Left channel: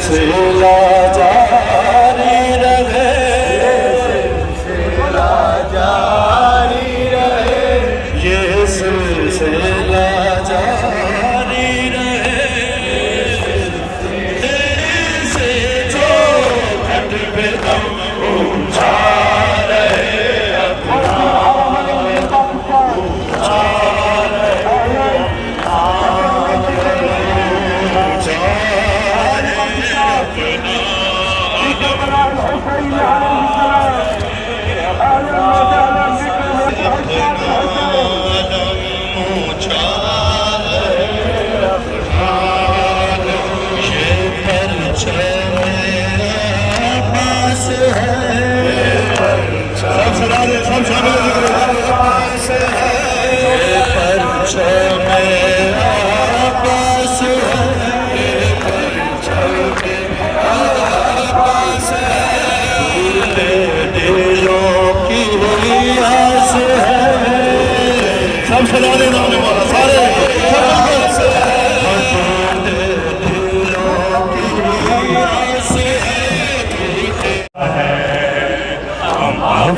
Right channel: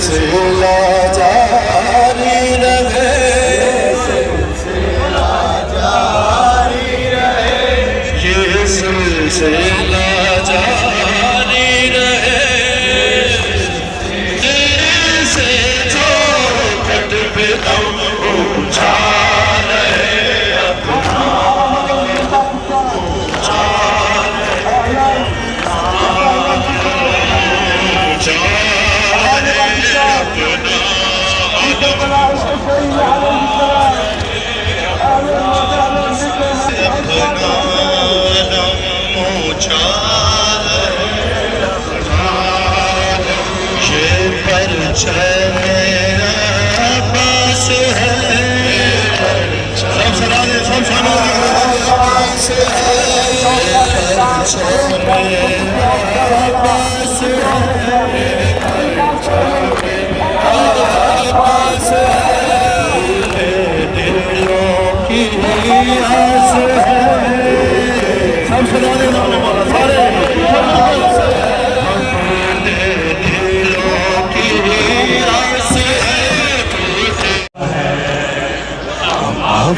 सिलसिला जारी रहे, ये सिलसिला जारी रहे, ये सिलसिला जारी रहे। दिल से जो खत पे ऊंचा रहे, अपना मेरा पास है,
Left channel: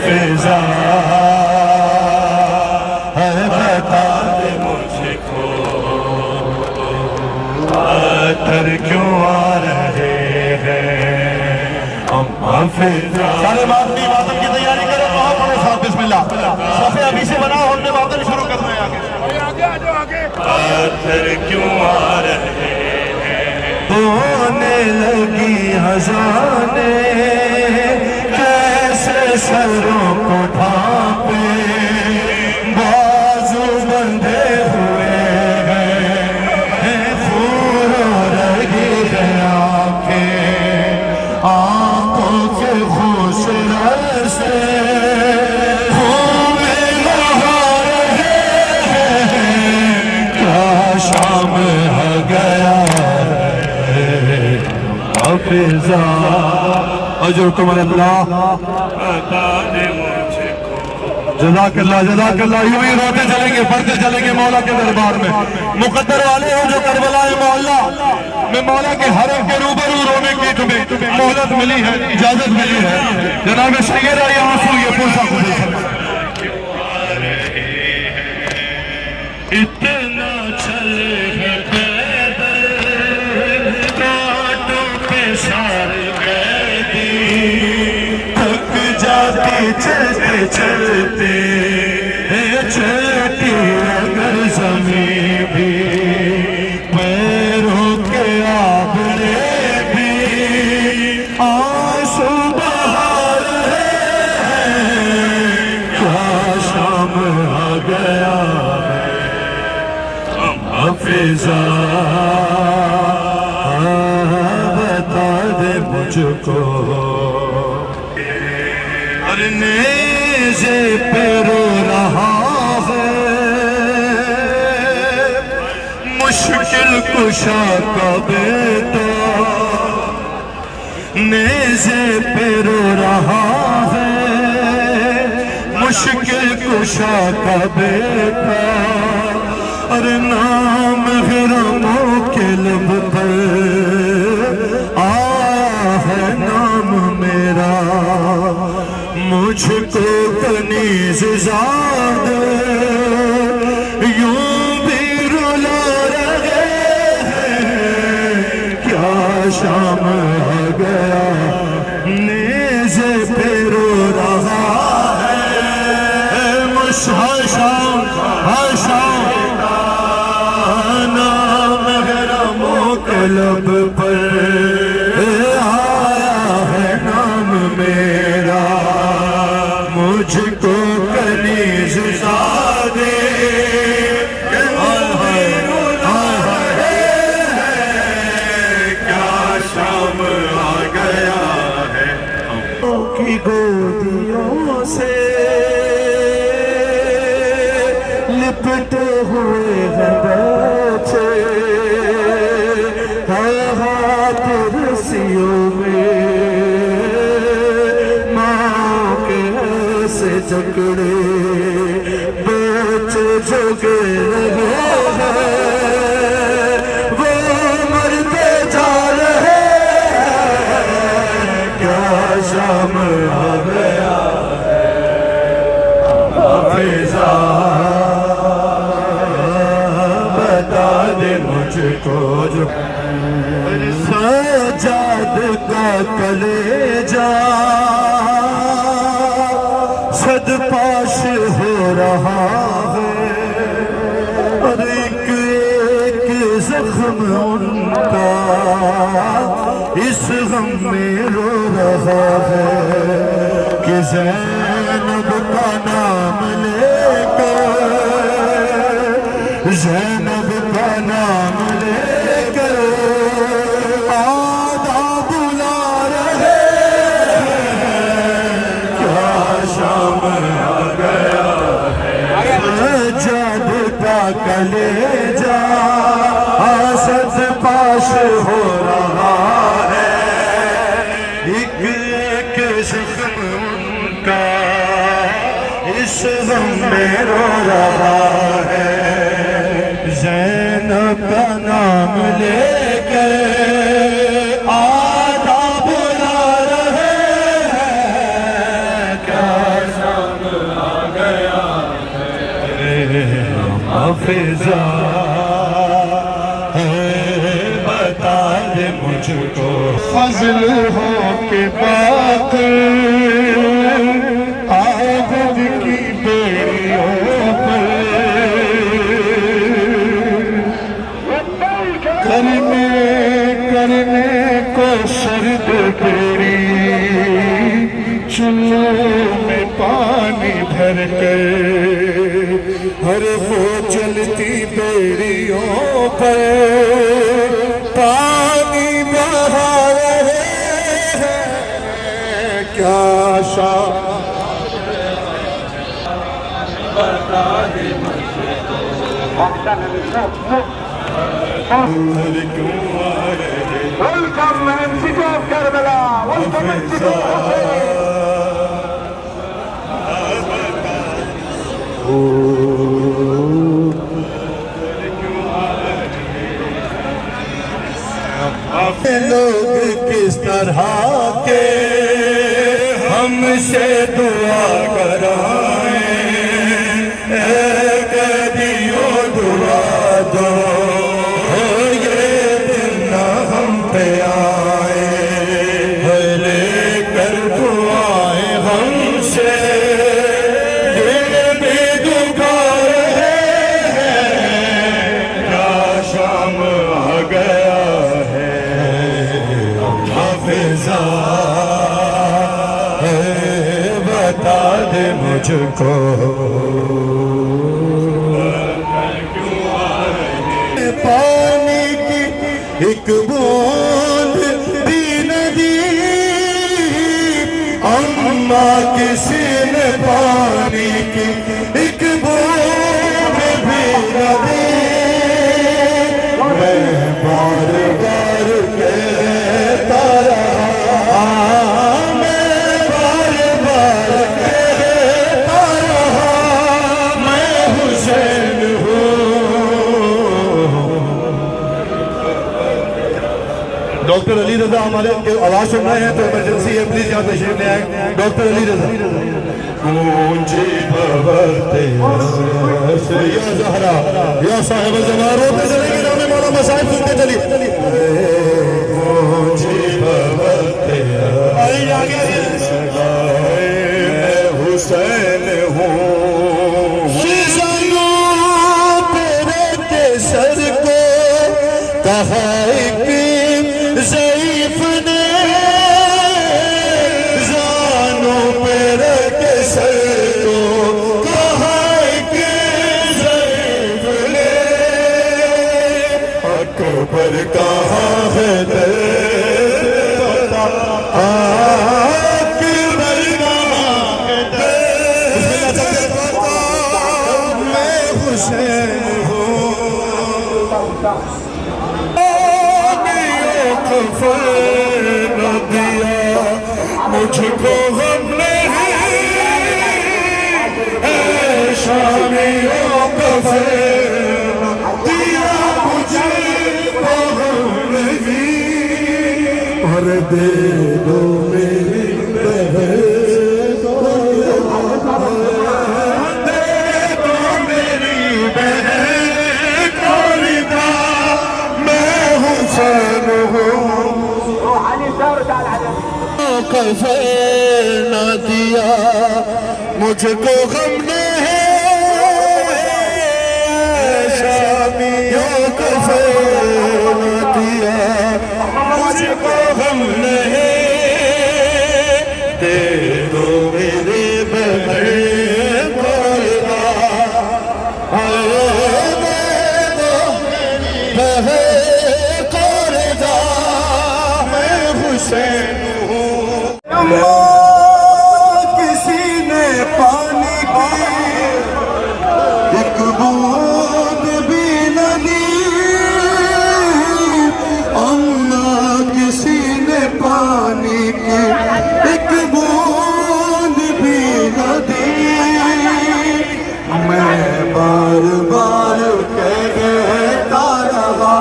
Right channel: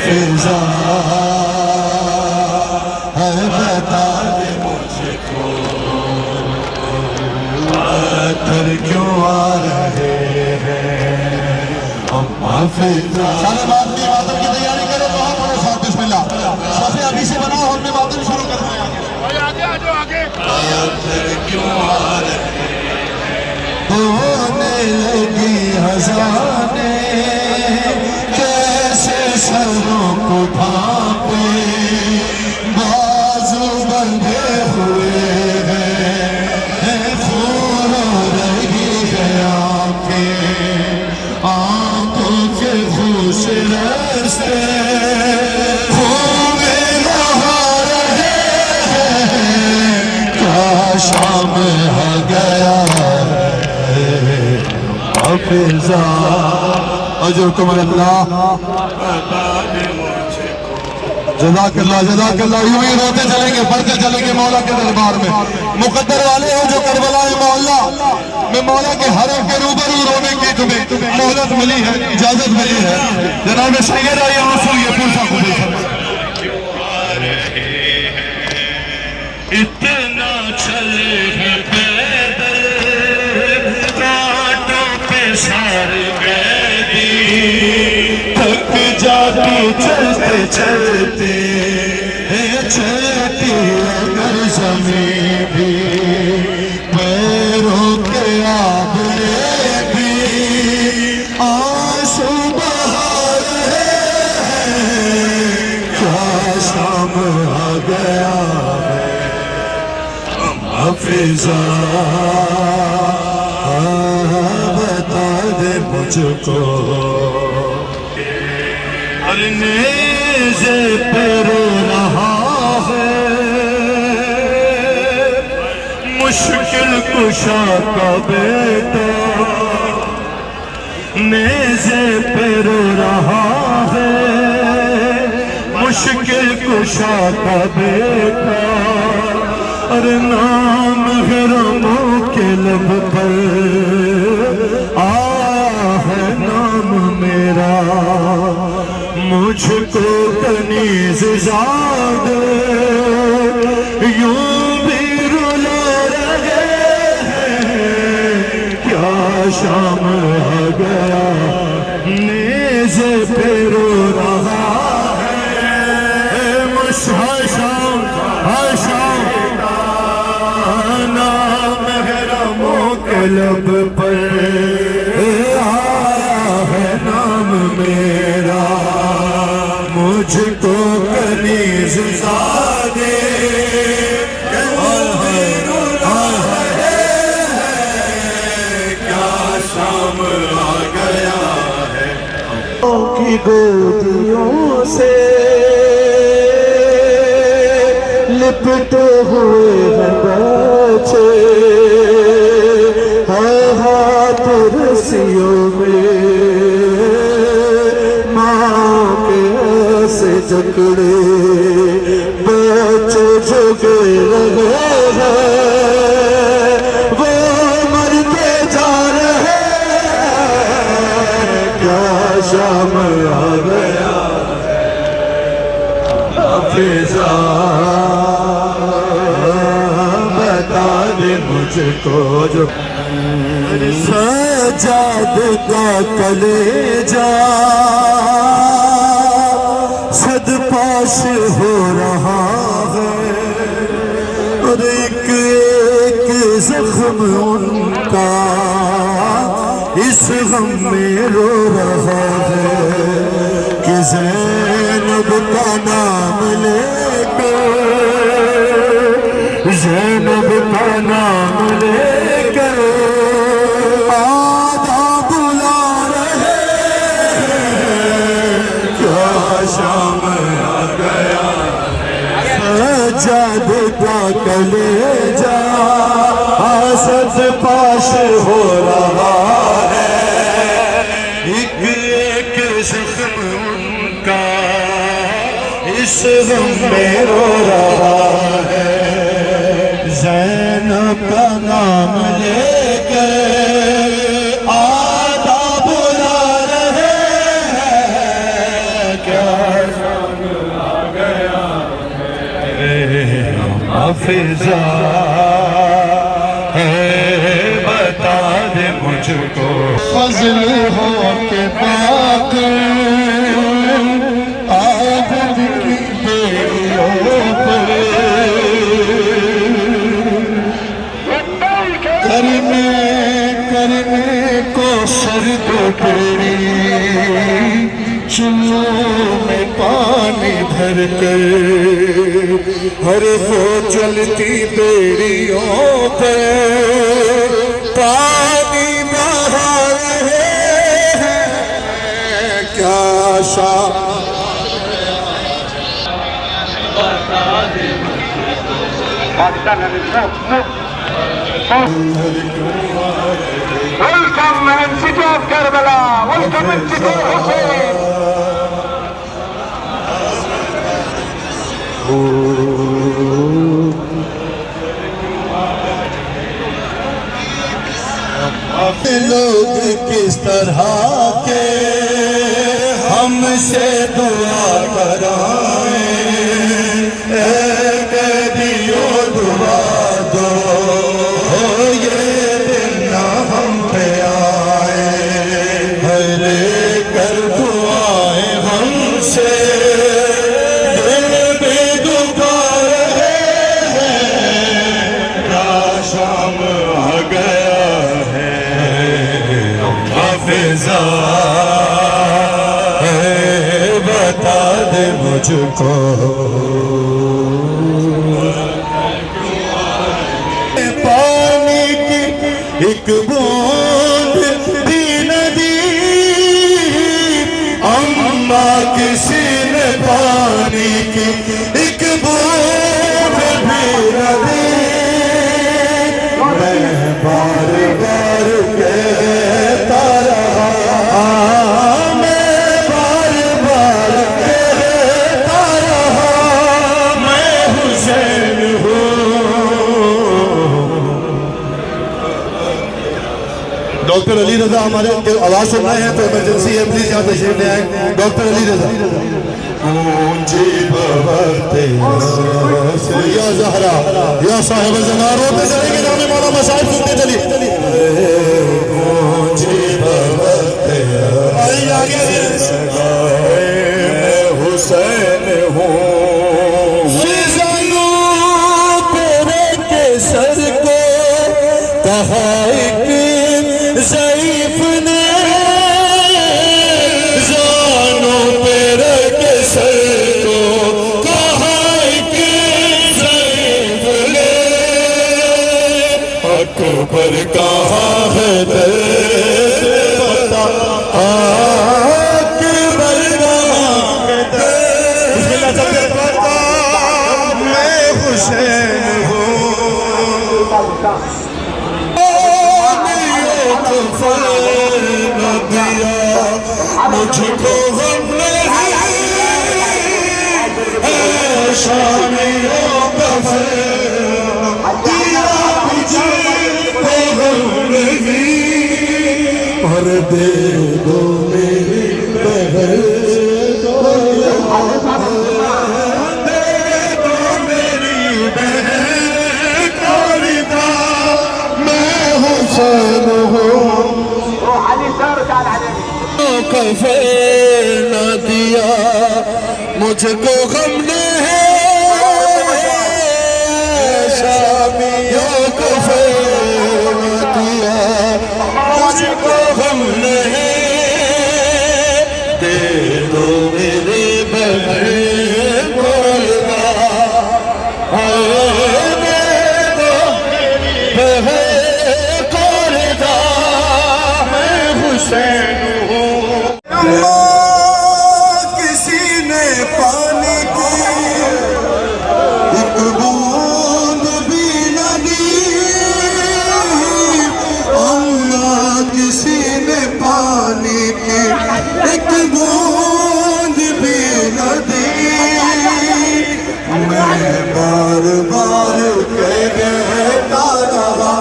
फिजा है बता दे मुझको, पत्थर क्यों आ रहे हैं हम फिजा। सारे मातमी मातम की तैयारी करो, कहाँ पड़े साहब बिस्मिल्लाह, सफे अभी से बनाओ, हमने मातम शुरू करना है। आगे आ जाओ आगे। पत्थर क्यों आ रहे हैं, होने लगी हज़ाने, सरों को ढांपे बाजू बंधे हुए हैं, फूल रही आंखों के होश रस्ते क्या शाम हो गया फिजा। अजरकुम अल्लाह, जज़ाकल्लाह जज़ाकल्लाह। यूं ही रोते चलेंगे, बढ़ते चलेंगे मौला के दरबार में। मुकद्दर वाले हो जो करबला मोहल्ला में मौला के हरम के रूबरू रोने की तुम्हें मोहलत मिली है, इजाजत मिली है। जनाब सैयद आइए ये पूछा इतना चले हैं पैदल बातों पे सारे कैदी, थक जाती चलते चलते चलती अगर ज़मीं भी, पैरों के आगे भी आंसू बहा रहे हैं, क्या शाम आ गया फिजा। बता दे मुझको, हर नेज़े पे रो रहा है, मुश्किल कुशा का बेटा, नेज़े पे रो रहा है, मुश्किल कुशा का बेटा। और नाम गरमों के लब पर आया है नाम मेरा, मुझको कनीज़ ज़ाद यूं भी रुला रहे हैं, क्या शाम आ गया नेज़े पे रो रहा है, मुशाशाम हशाम नाम गरमों के लब पर आया है नाम मेरा, मुझको कनीज़ ज़ादे क्या शाम आ गया है। की गोदियों से लिपटे हुए हैं बच्चे, हाथ रस्सियों में माँ के ऐसे जकड़े, बच्चे जो गिर रहे हैं वो मरते जा रहे सजाद का कलेजा सदपाश हो रहा है और एक एक जख्म उनका इस गम में रो रहा है कि ज़ैनब का नाम लेकर, ज़ैनब का नाम लेकर आधा बुला रहे हैं। क्या शाम आ गया सजाद का कलेजा सद पाश हो रहा है एक एक ज़ख्म उनका इस गम में रो रहा है। ज़ैनब का नाम लेकर आधा बुला रहे हैं। क्या शाम आ गया हाफिज़ा है बता दे मुझको फज़ल हो के बात आबद की बेड़ियों पर करने को सर्द बेड़ी चूल्हों में पानी भर कर हर हो चलती बेड़ियों पर पानी बहा रहे हैं। क्या शाम Welcome man, city of Karbala. Welcome man, city of Hussein. लोग किस तरह के हमसे दुआ कराएं, कदियो दुआ दो ये दिन ना हम पे आए। हरे कर दुआएं हमसे दिल में डूबा रहे हैं। क्या शाम आ गया है हाफिज़ा है बता दे मुझको पानी की एक बूंद भी नदी अम्मा किसी ने पानी की एक बूंद भी नदी मैं बार बार कहता रहा मैं बार बार कहता रहा मैं हुसैन हूँ। डॉक्टर अली रजा हमारे आवाज सुन रहे हैं तो इमरजेंसी है, प्लीज यहाँ तशरीफ ले आए। डॉक्टर अली रजा ऊंची बहते या ज़हरा या साहिब ज़नारों पे जाएंगे ना हमारा मसाइल सुनते चलिए ऊंची बहते आगे मैं हुसैन हूँ। तेरे के सर को कहा एक ज़ईफ़ ने जानो तेरे के सर को कहा एक ज़ईफ़ ने अकबर कहाँ है तेरे बता अकबर कहाँ है तेरे बता मैं हुसैन हूँ। मुझको शामियों का और दे दो मेरी बहन मेरी बहन मैं कफे न दिया मुझको गम ने शामियों कफे न दिया मुझको गम ने दे दो मेरे बगैर किसी ने पानी एक बूंद भी न दी अल्लाह किसी ने पानी की एक बूंद भी न दी मैं बार बार कहता रहा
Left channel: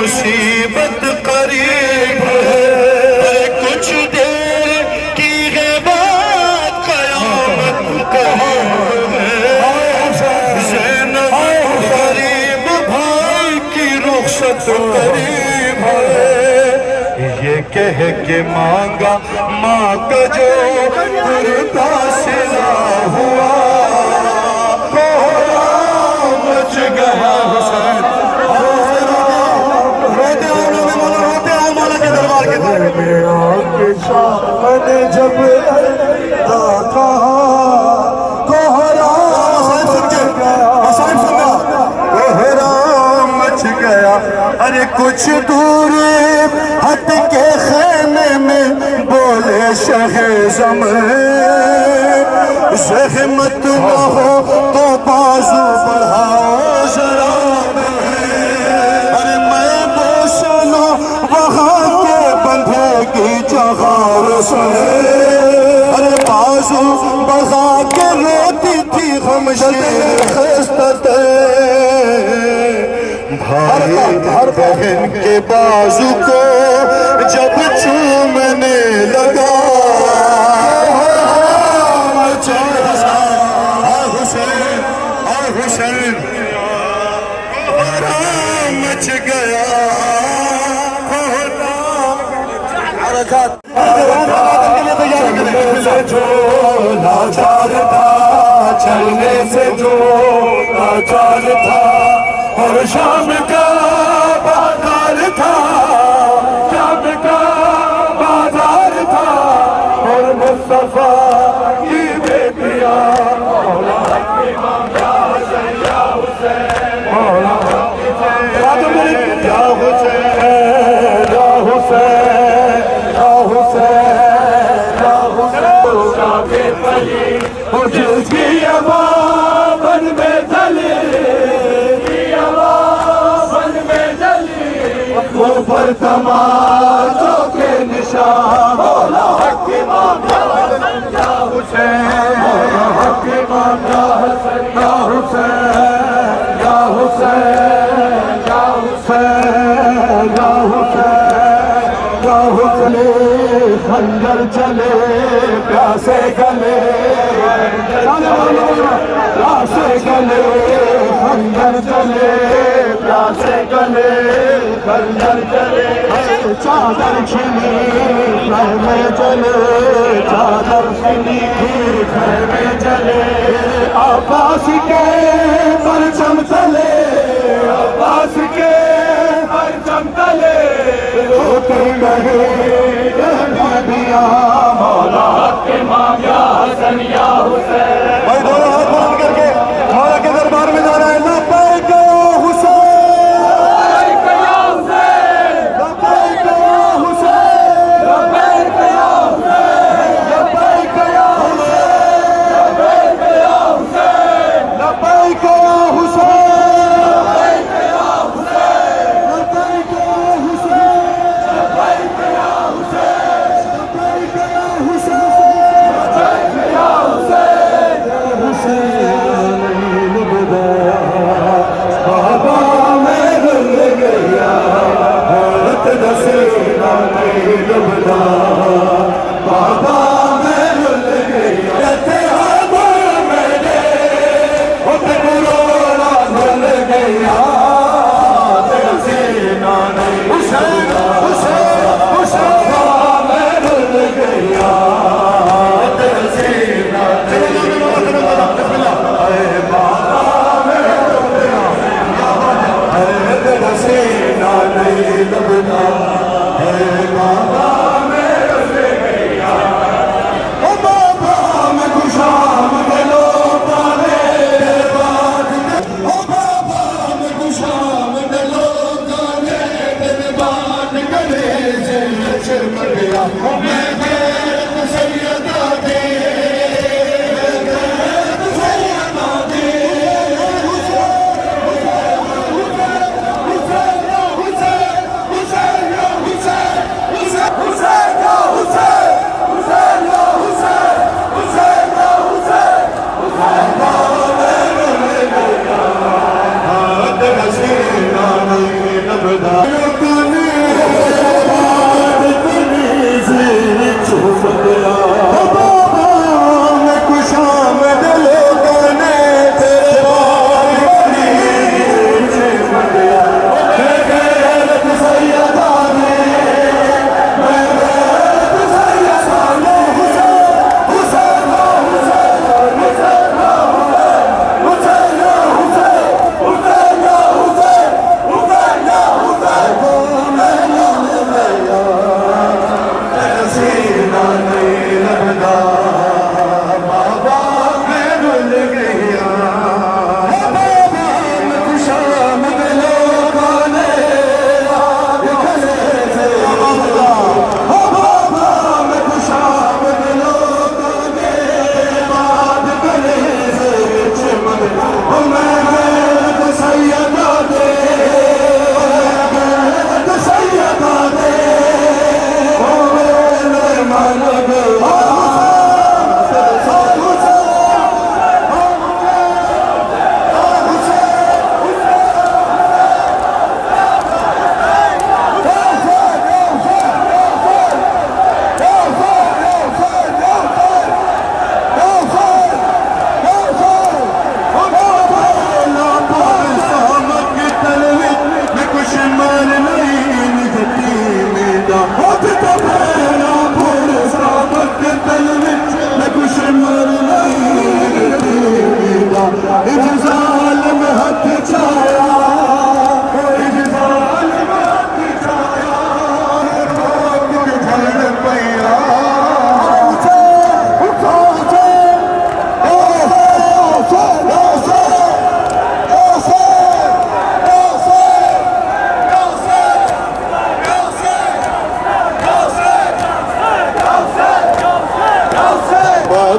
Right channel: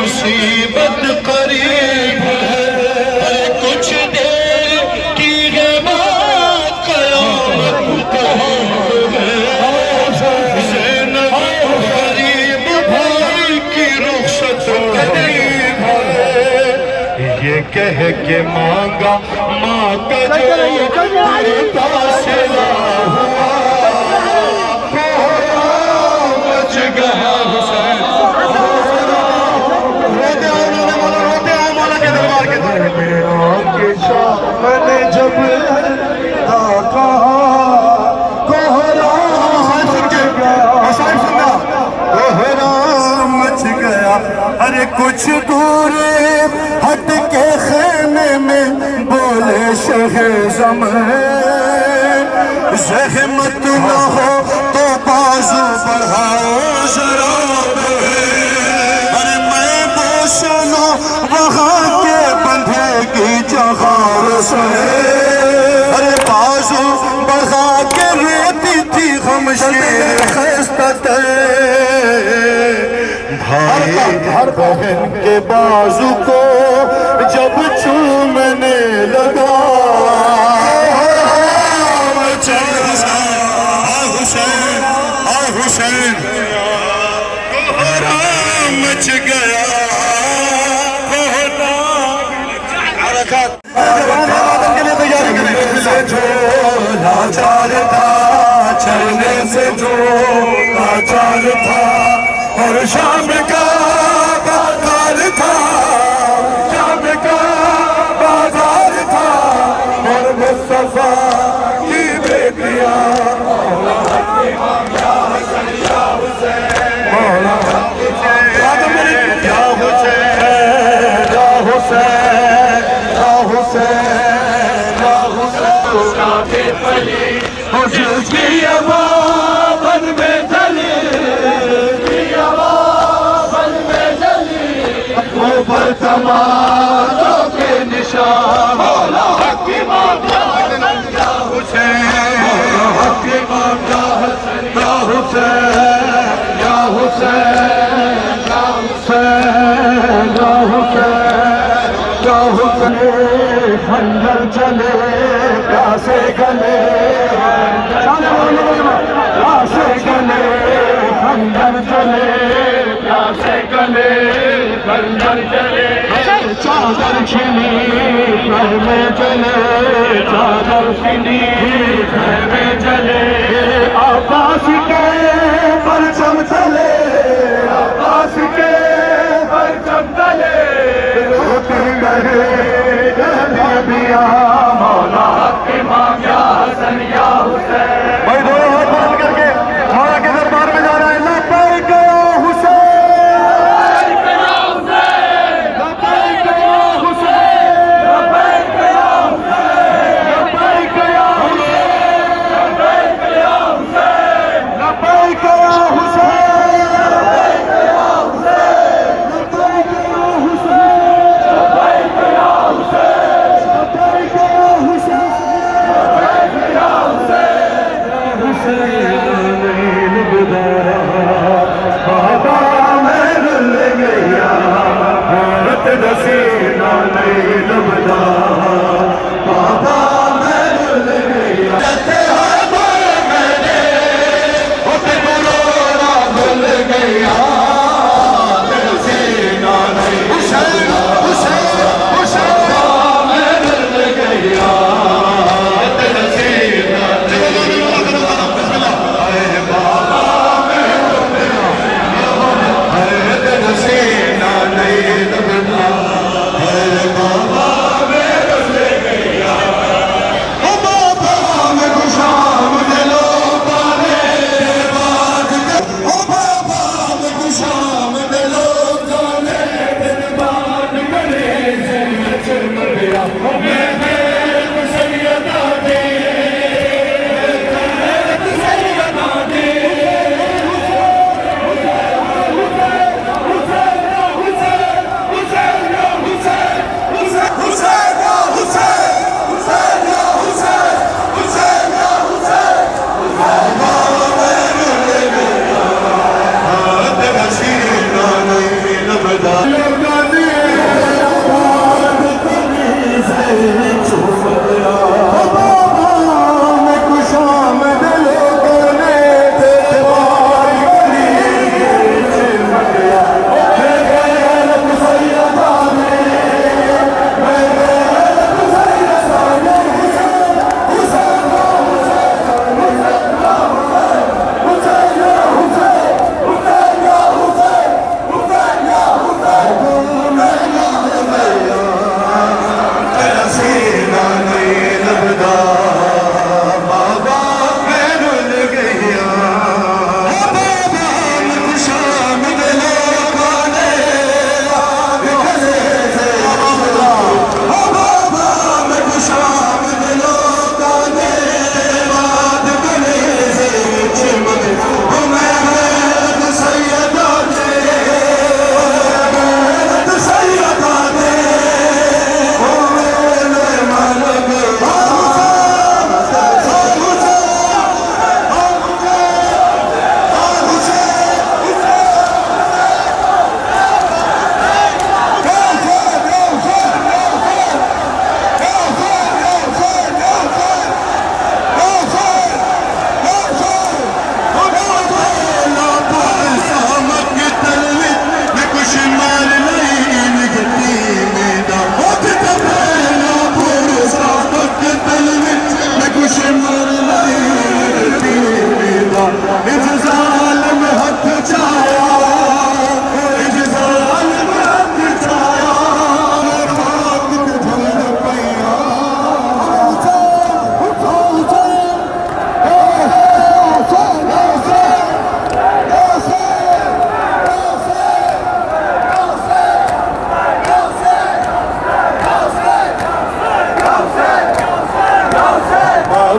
मुसीबत करीब है कुछ देर की है बात कयामत गरीब भाई की रुखसत करीब है ये कह के मांगा माँ का जो सिला हुआ बच गया मैंने जब मच गया अरे कुछ दूर हट के खाने में बोले शहज़म ज़हमत न हो तो बाजू बढ़ाओ जरा अरे मैं बोस लूं वहाँ के बंधे की जहार से अरे बाजू बढ़ा के रोती थी भाई बहन के बाजू को जब चूमने लगा हुसैन मच गया से जो लाचार था चलने से जो लाचार था और शाम का बाजार था शाम का बाजार था और मुस्तफा की बेटियां जिसकी आवाज़ में धनी ऊपर तमाचों के निशान हक इमाम या हुसैन हक इमाम या हुसैन या हुसैन या हुसैन या हुसैन या हुसैन खंजर चले प्यासे गले प्यासे गले खंजर चले प्यासे गले खंजर चले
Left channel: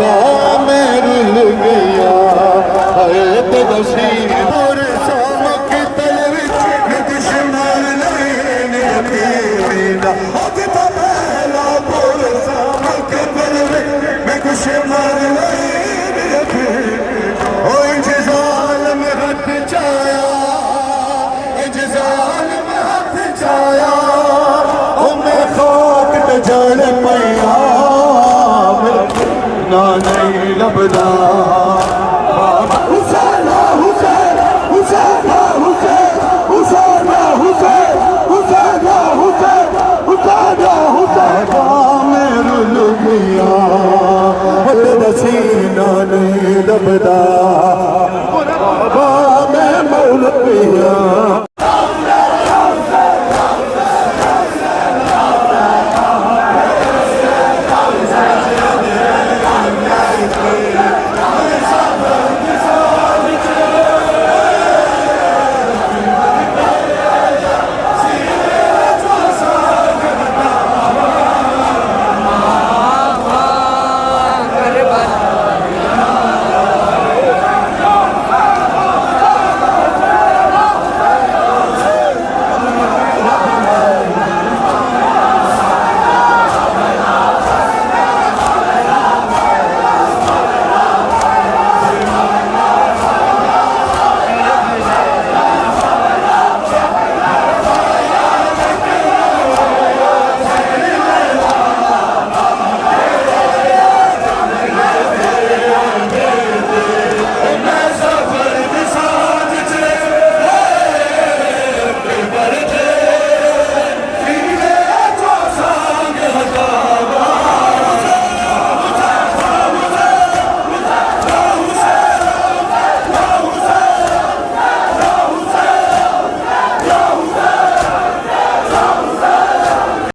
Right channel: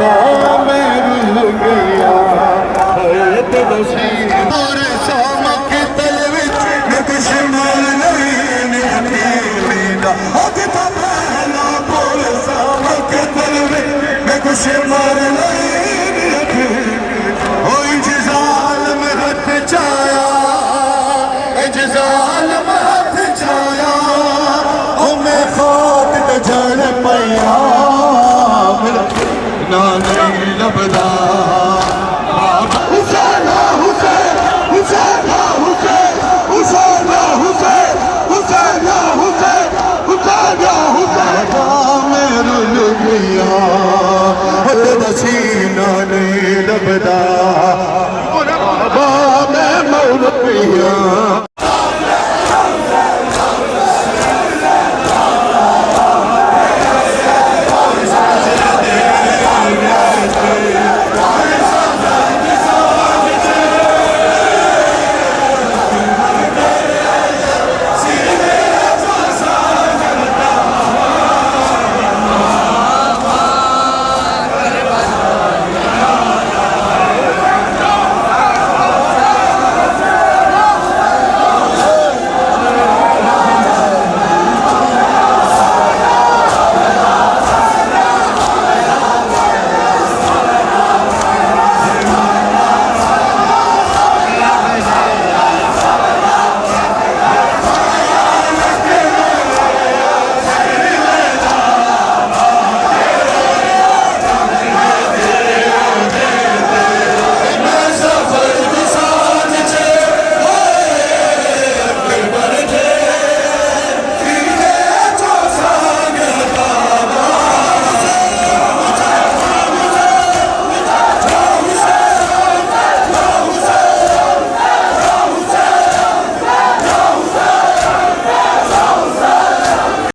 मैं रुल गया और शामक तल विच मैं कुछ मार नहीं मेरा अज तो पहला बोल शामक तल विच मैं कुछ मार नहीं